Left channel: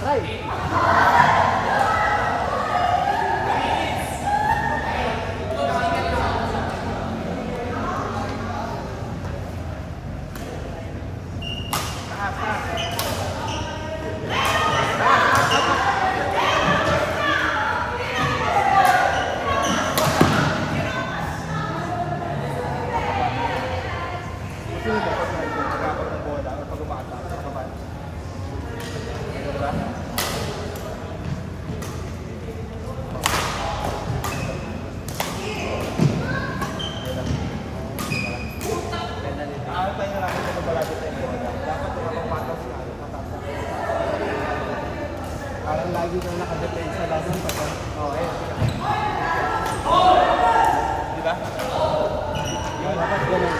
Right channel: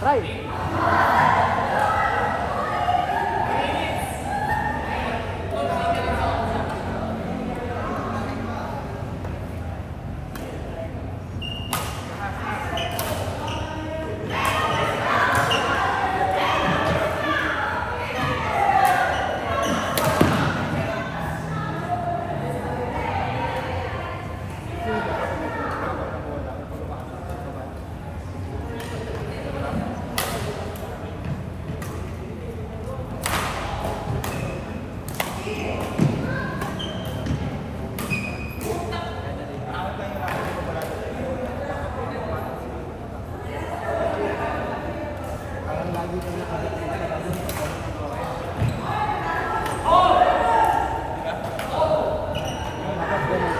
Try. Parang lagi ko nakadepend sa laban pag Di ba? dapat ganun.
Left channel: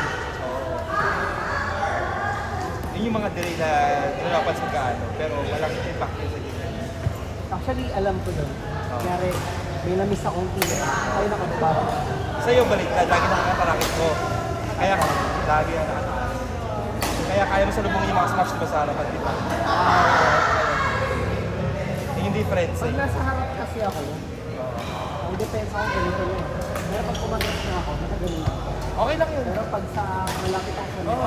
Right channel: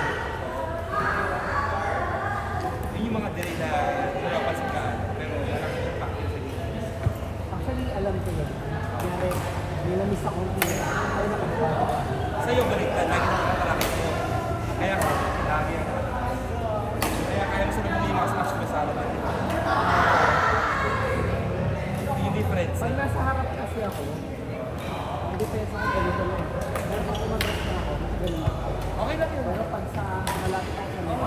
Yun yung mga delay na hindi mo napansin gaano, pero malaking impact yun sa game. Actually, alam ko yun. Kaya may na-miss akong tira. Ay, nakababa. Sa'yo, baliktad, lagi nakakarakit mo. Kaya lagi kaya kaya mo salubungin yung mga smash diba sa harapan, di ba? Yung difference Pag eh. nasa harap kasi ako, ang depensa ko ganito na eh. Pero pag kumatras na ako, matagaling na ako. Okay lang yun. Pero pag sa malapit ako sa net,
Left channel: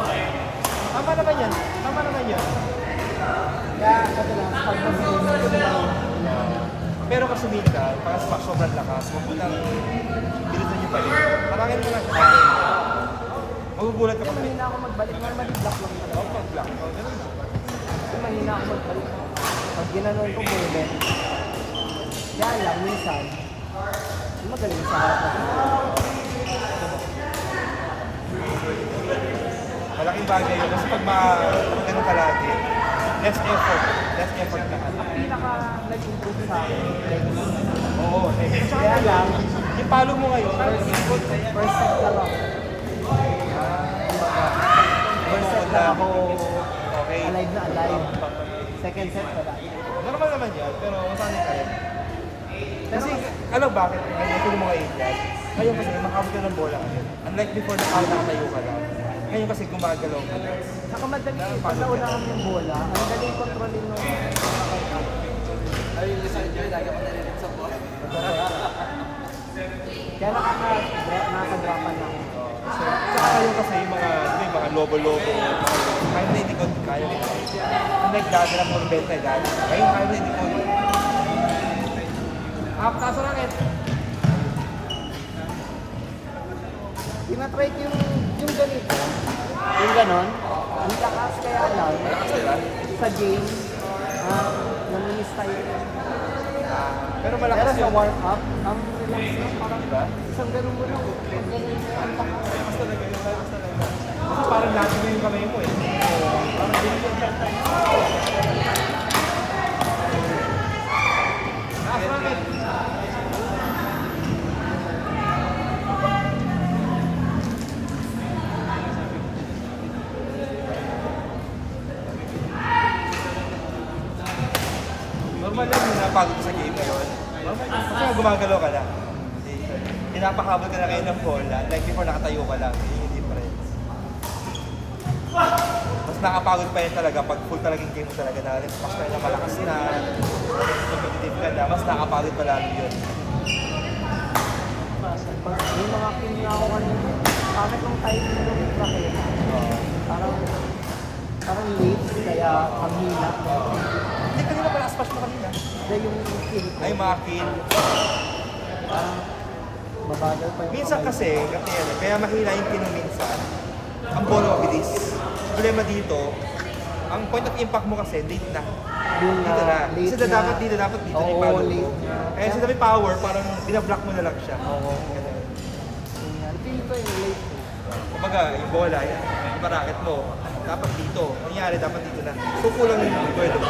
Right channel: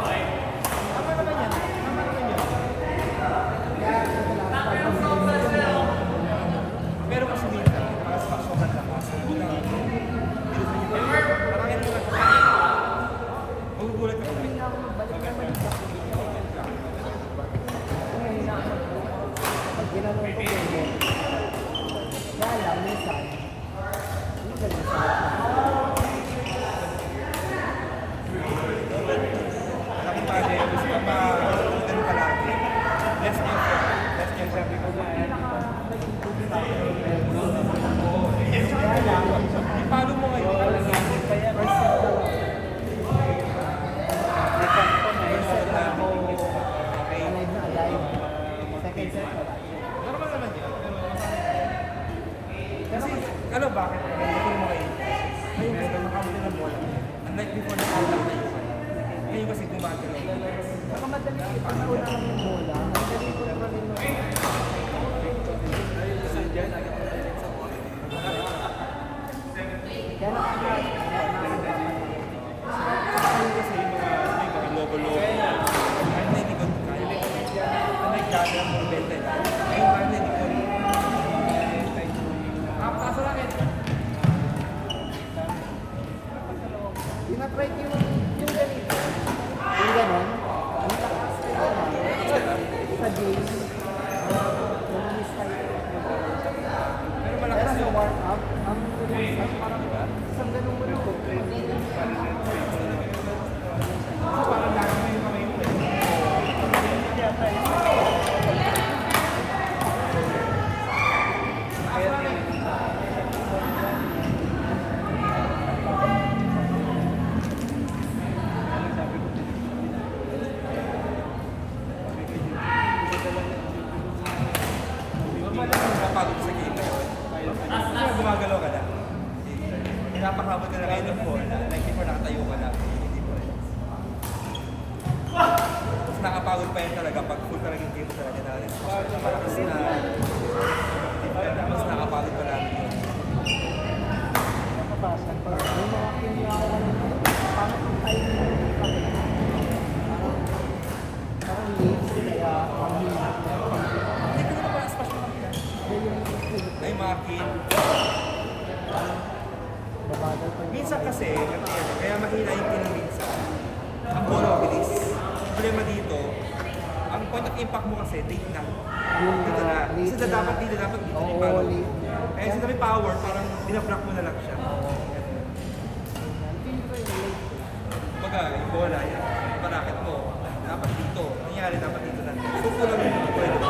Tama naman yan. Tama naman yan. kaya ito lang, pag mag-game ko na Pero masumil ka, pag smash sobrang lakas, huwag mo nang dilitin yung palit. Marangin mo lang. Magugulat ka Kasi pa. mahina ako magbalik, normally block lang talaga. Oo, pag-block. Kasi mahina ako magbalik. Pag ginanon ko, bullet. Kaya lang, minsan, magaling sa harap na. Malaking bagay yun. Kasi pag ganun ka lagi, less effort. Less effort na. Ang pinaka nag-improve sa akin yung legs. Oo, okay. Kaya lang, Yung palo mo ngayon, first set lang ako. First set lang ako okay. alive na alive. Second set wala. Normal naman yan, pero masanay ka rin. Pero Kasi, alam bakit? Ngayon ko yung mga edad. Ngayon kasi, makabot ka ng bola ngayon. Unlike before, nakawala tayo ka lang. Ngayon kasi, gumagalaw ka. saka madali, pag nauna kami ng bola, ang galing kontrolin nung kaya nakakadrapan na ako. Saka ngayon kasi, yung mga lobo-lobo. Ang hindi ko kaya mo. Kung nagdada lang ng benta, dati. Ngayon, ang hindi ko. Makapataas na lang eh. Tinatry ko yung ganito, yung ganon, ang lakas kaya lang, sa game, namimiss tayo. Pero malakas Pero sa yun. warm-up, ang relax lang, parang Diba? isang ganun mo lang, pag ganun mo, ang lakas. Basta na ganun tayo, basta na ganun. Kasi parang laki na yung kamay mo eh. Normal lang yung napagod sa game ngayon. Kasi gumagalaw ka lang. Pinapakabot ka na kayo ng bola. Like before, nakatayo ka lang. Yun yung difference. Mas nakapagod pa yun talaga pag full talagang game mo talaga na smash ka na malakas na competitive ka na. Mas nakapagod pa lalo yun. Pag may mga king na ako kanina, pangit ng timing nung racket. Parang late, kaya ang hina. Hindi ko naman pala smash mo kanina. Dahil yung skill ko, Ay, makin. parang babagal pa yung Minsan kamay. kasi, kaya mahina yung kining minsan. Ang bola mabilis. Problema dito, ang point of impact mo kasi late na. Yung Dito na. late Kasi dapat dito na Oo, yung power. late na. Kaya sa may power, parang binablock mo na lang siya. Oo. Feel ko yung late ko. Kumbaga, yung bola, yan. Yung racket mo, dapat dito. Nangyari dapat dito na. So, kulang yung pwede mo.